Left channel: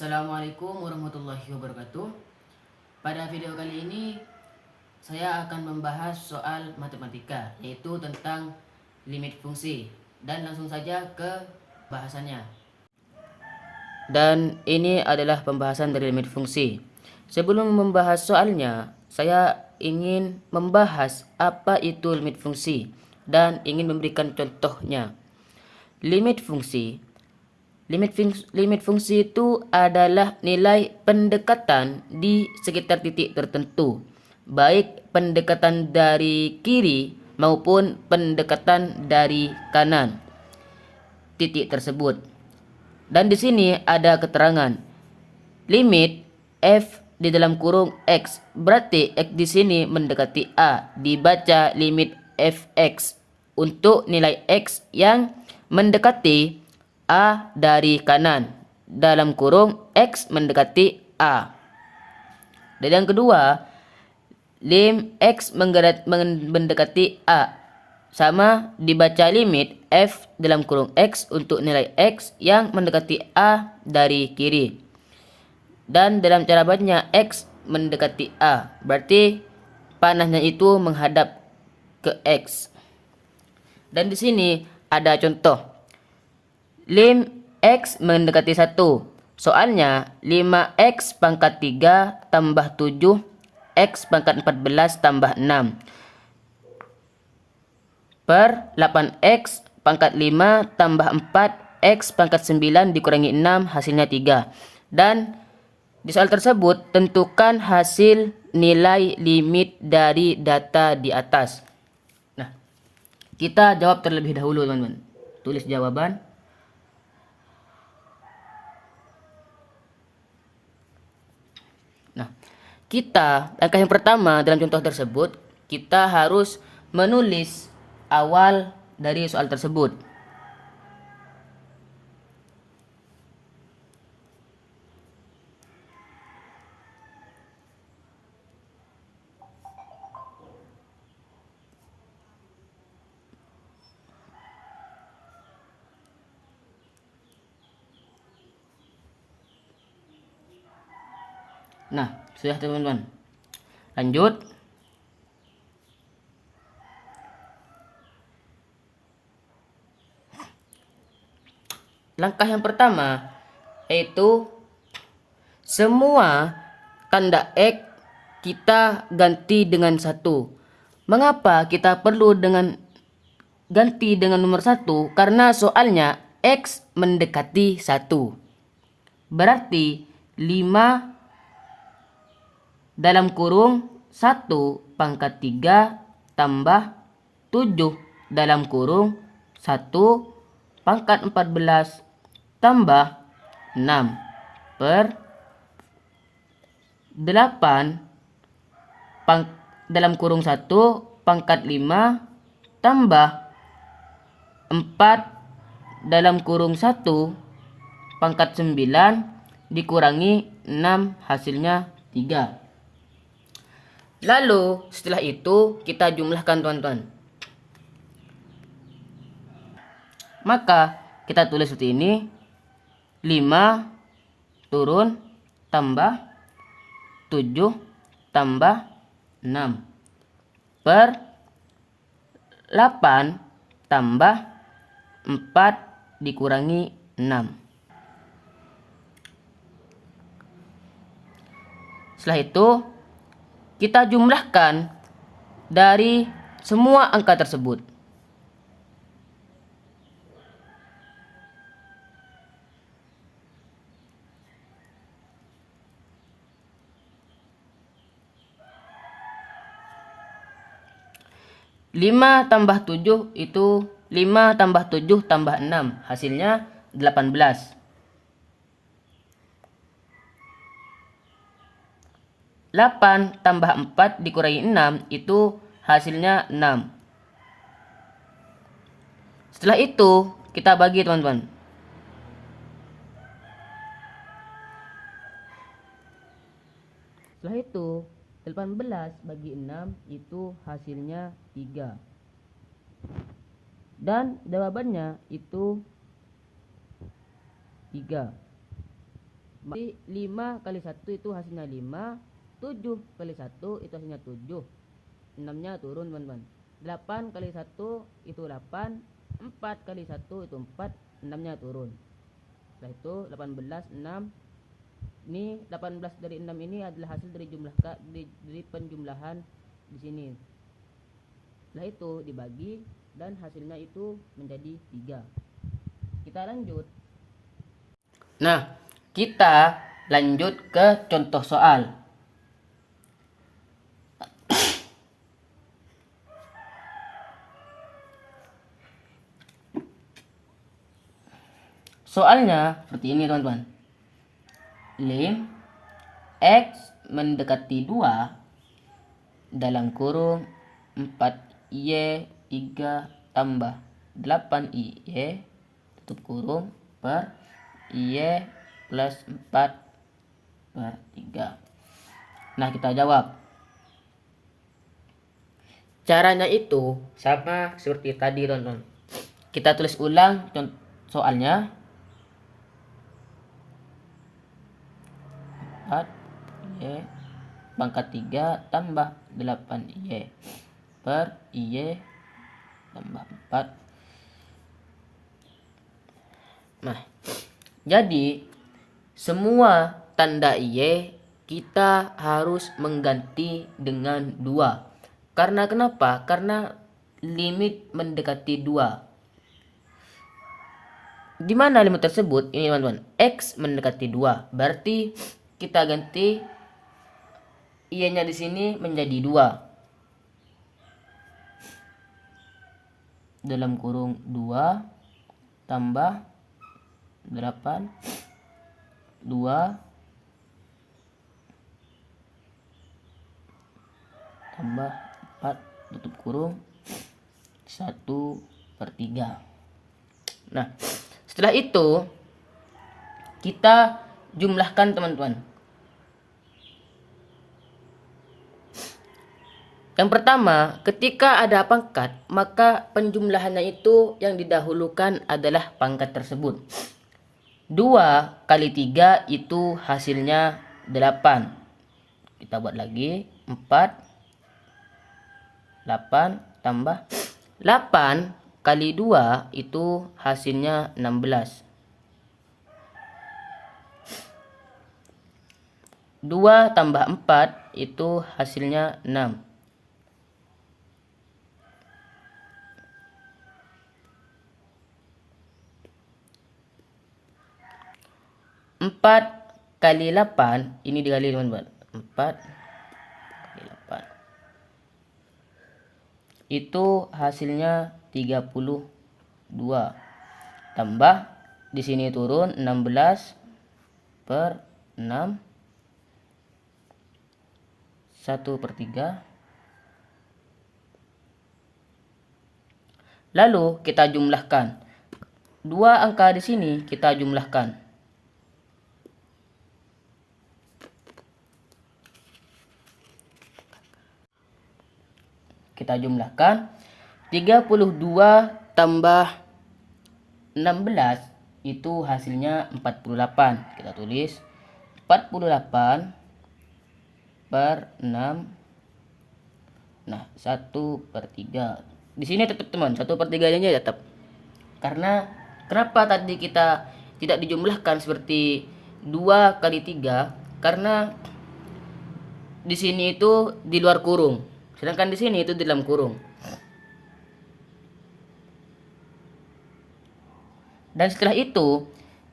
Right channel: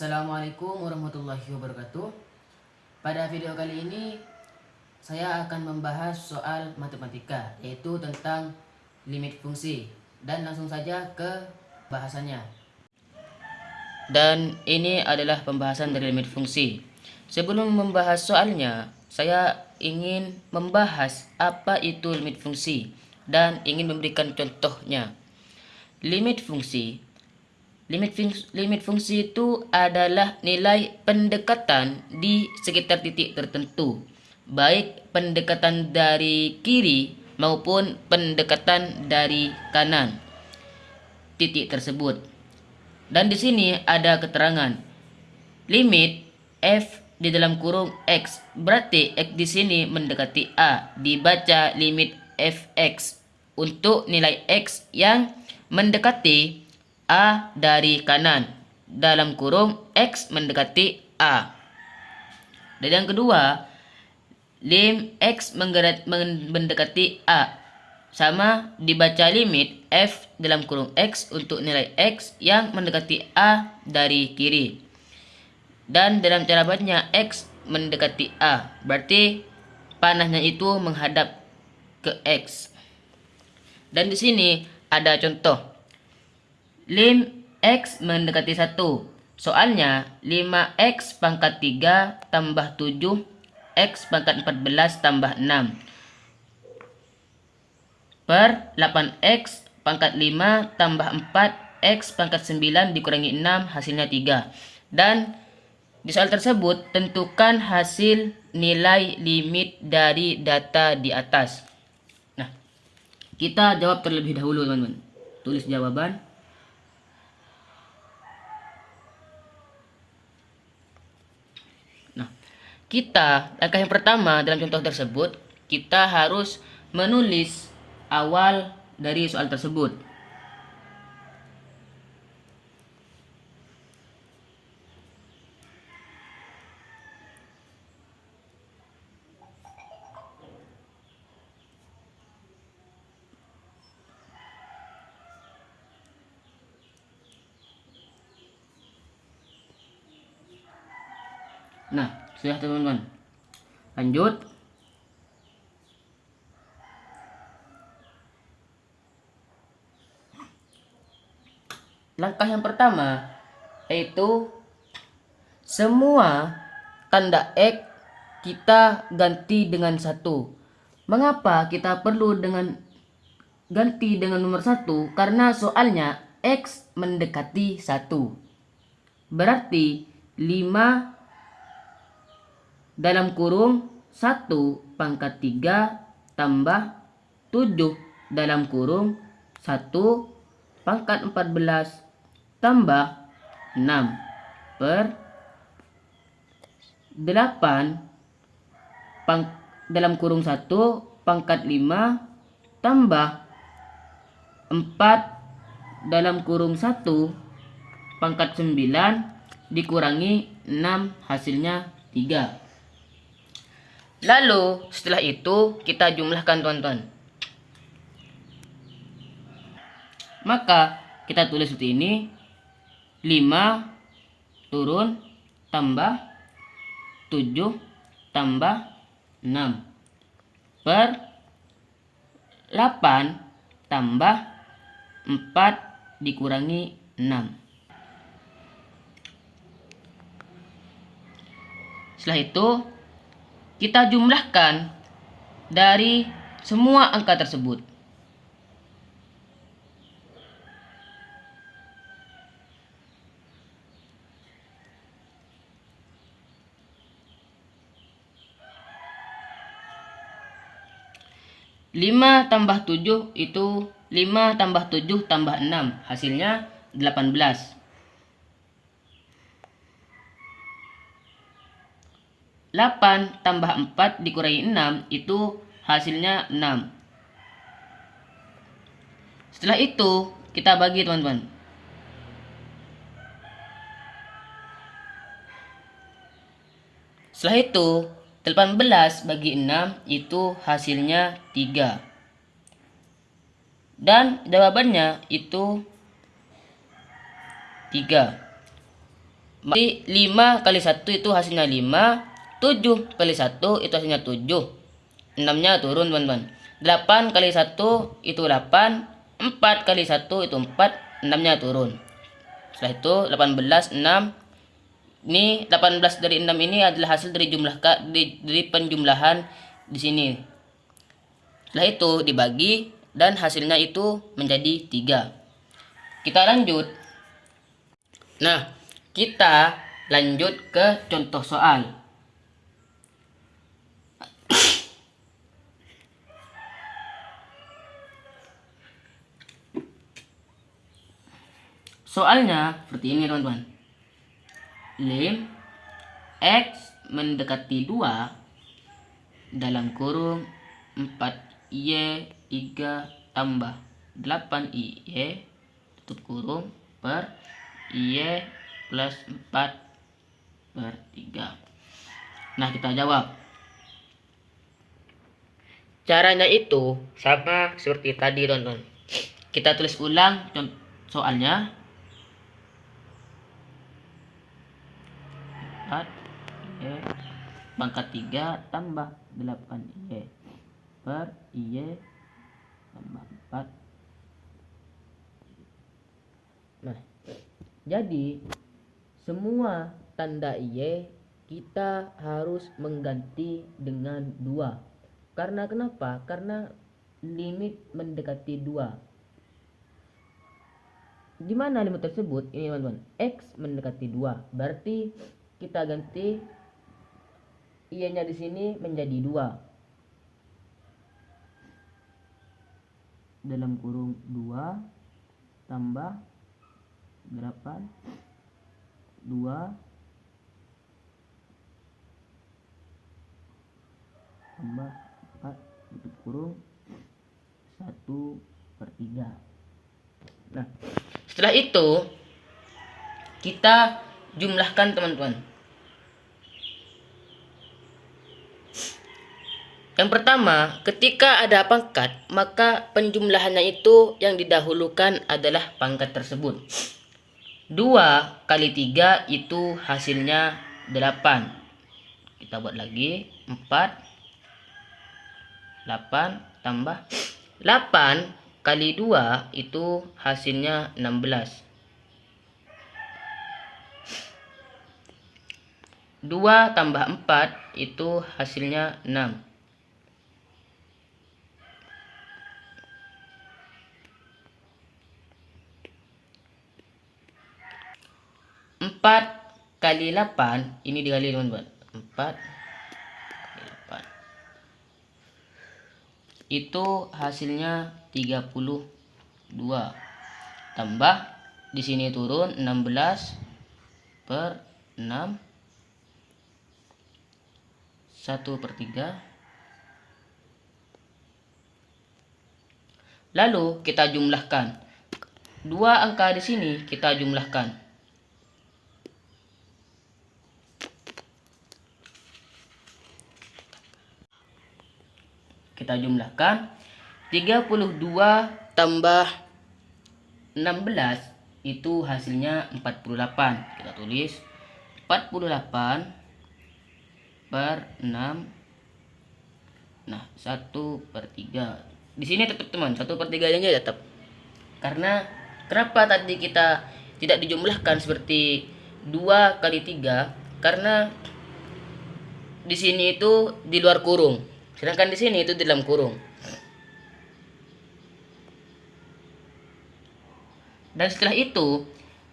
Assalamualaikum warahmatullahi wabarakatuh. Pada video kali ini saya akan membahas soal matematika, yaitu tentang limit fungsi. Dan langsung saja ke bahasannya. Dan ini adalah pembahasan dari limit fungsi. Sebelum membahas soalnya, saya ingin membahas apa itu limit fungsi dan ingin memberikan contohnya. Limit fungsi Limit fungsi itu adalah nilai pendekatan di sekitar titik tertentu, baik pendekatan dari kiri maupun pendekatan dari kanan titik tersebut. Dan di sini ada keterangan limit f di dalam kurung x, berarti x di sini mendekati a, dibaca limit fx untuk nilai x yang mendekati A dari kanan dalam kurung X mendekati A. Dan yang kedua, lim X mendekati A sama dibaca limit F dalam kurung X untuk nilai X yang mendekati A dari kiri. Dan dalam cara bacanya X mendekati A, berarti panahnya itu menghadap ke X. Dan di sini ada contoh. Lim X mendekati 1. Soalnya 5X pangkat 3 tambah 7 X pangkat 14 tambah 6 per 8X pangkat 5 tambah 4 X pangkat 9 dikurangi 6 hasilnya 3. Dan di soal tersebut tentukan hasil nilai limit dari data di atas. Nah, kita jawab terlebih dahulu teman-teman. Tulis jawaban. Langkah yang pertama dalam contoh tersebut, kita harus menulis awal dari soal tersebut. Nah, sudah teman-teman. Lanjut. Langkah yang pertama yaitu semua tanda X kita ganti dengan 1. Mengapa kita perlu ganti dengan nomor 1? Karena soalnya X mendekati 1. Berarti 5 dalam kurung 1 pangkat 3 tambah 7 dalam kurung 1 pangkat 14 tambah 6 per 8 dalam kurung 1 pangkat 5 tambah 4 dalam kurung 1 pangkat 9 dikurangi 6 hasilnya 3. Lalu setelah itu kita jumlahkan teman-teman. Maka kita tulis seperti ini. 5 turun tambah 7 tambah 6 per 8 tambah 4 dikurangi 6. Setelah itu kita jumlahkan dari semua angka tersebut. Lima tambah 7 itu 5 tambah 7 tambah 6 hasilnya 18. 8 tambah 4 dikurangi 6 itu hasilnya 6. Setelah itu kita bagi teman-teman. Setelah itu 18 bagi 6 itu hasilnya 3. Dan jawabannya itu 3. Jadi 5 kali 1 itu hasilnya 5, 7 kali 1 itu hasilnya 7. 6-nya turun teman-teman. 8 kali 1 itu 8, 4 kali 1 itu 4, 6-nya turun. Setelah itu 18, 6. Ini 18 dari 6 ini adalah hasil dari dari penjumlahan di sini. Setelah itu dibagi dan hasilnya itu menjadi 3. Kita lanjut. Nah, kita lanjut ke contoh soal. Soalnya seperti ini teman-teman. Lim X mendekati 2 dalam kurung 4Y 3 tambah 8Y tutup kurung per Y plus 4 per 3. Nah, kita jawab. Caranya itu sama seperti tadi teman-teman. Kita tulis ulang soalnya. 4Y pangkat 3 tambah 8Y per Y tambah 4. Nah, jadi semua tanda Y kita harus mengganti dengan 2. Karena kenapa? Karena limit mendekati 2. Di mana limit tersebut? Ini teman-teman, X mendekati 2. Berarti kita ganti Y-nya di sini menjadi 2. Dalam kurung 2 tambah 8 2 tambah 4 tutup kurung 1/3. Nah, setelah itu kita jumlahkan teman-teman. Yang pertama, ketika ada pangkat, maka penjumlahannya itu yang didahulukan adalah pangkat tersebut. 2 kali 3 itu hasilnya 8. Kita buat lagi. 8 tambah 8 kali 2 itu hasilnya 16. 2 tambah 4 itu hasilnya 6. 4 kali 8 ini dikali teman-teman. 4 kali 8 itu hasilnya 32. Tambah di sini turun 16 per 6 1/3. Lalu kita jumlahkan. 2 angka di sini kita jumlahkan. Kita jumlahkan 32 tambah 16 itu hasilnya 48. Kita tulis 48 per 6. Nah, 1/3. Di sini tetap teman, 1/3 nya tetap. Karena kenapa tadi kita tidak dijumlahkan seperti 2 kali 3? Karena di sini itu di luar kurung. Sedangkan di sini itu di dalam kurung. Dan setelah itu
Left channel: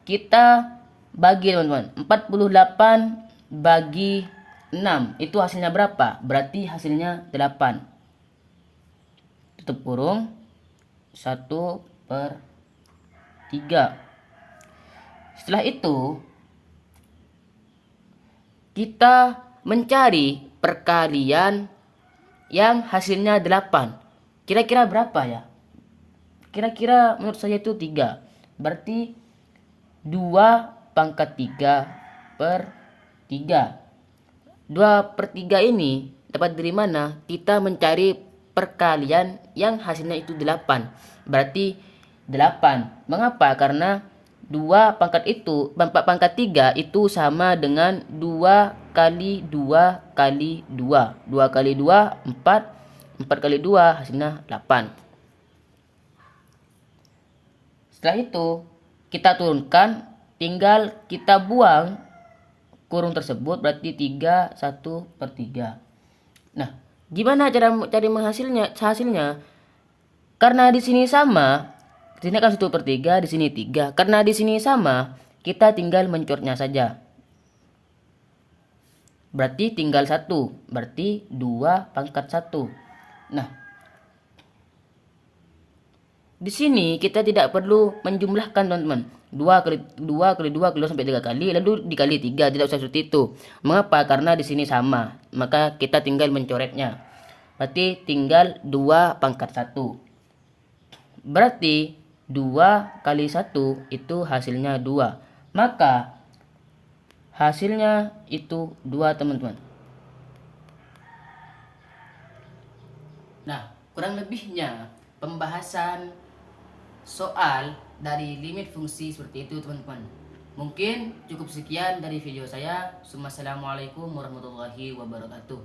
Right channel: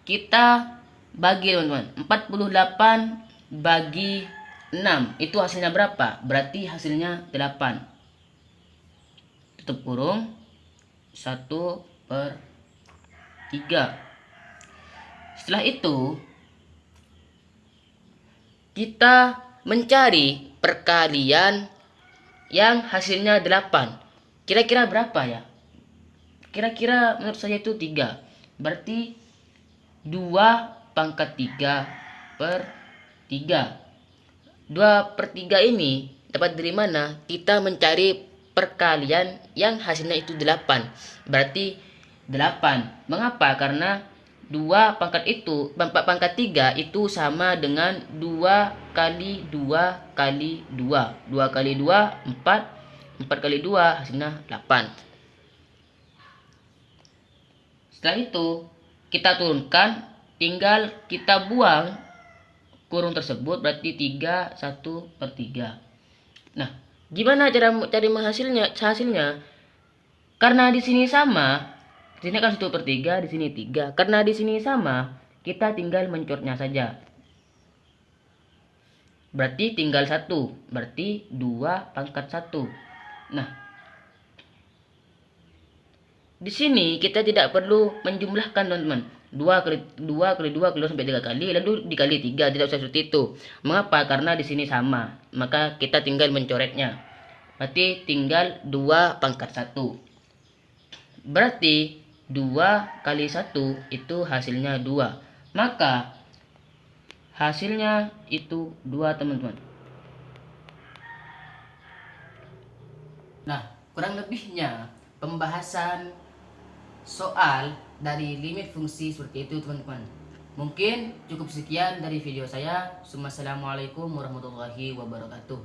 kita bagi teman-teman. 48 bagi 6 itu hasilnya berapa? Berarti hasilnya 8. Tutup kurung 1/3. Setelah itu kita mencari perkalian yang hasilnya 8. Kira-kira berapa ya? Kira-kira menurut saya itu 3. Berarti 2 pangkat 3 per 3. 2/3 ini dapat dari mana? Kita mencari perkalian yang hasilnya itu 8. Berarti 8. Mengapa? Karena 2 pangkat 3 itu sama dengan 2 kali 2 kali 2. 2 kali 2, 4. 4 kali 2 hasilnya 8. Setelah itu kita turunkan, tinggal kita buang kurung tersebut, berarti 3, 1/3. Nah, gimana cara cari hasilnya? Karena di sini sama, di sini kan 1/3, di sini 3. Karena di sini sama, kita tinggal mencornya saja. Berarti tinggal 1, berarti 2 pangkat 1. Nah, di sini kita tidak perlu menjumlahkan, teman-teman. 2 kali 2 kali 2 kali 2 sampai 3 kali, lalu dikali 3, tidak usah seperti itu. Mengapa? Karena di sini sama, maka kita tinggal mencoretnya. Berarti tinggal 2 pangkat 1. Berarti 2 kali 1 itu hasilnya 2. Maka hasilnya itu 2, teman-teman. Nah, kurang lebihnya pembahasan soal dari limit fungsi seperti itu, teman-teman. Mungkin cukup sekian dari video saya. Wassalamualaikum warahmatullahi wabarakatuh.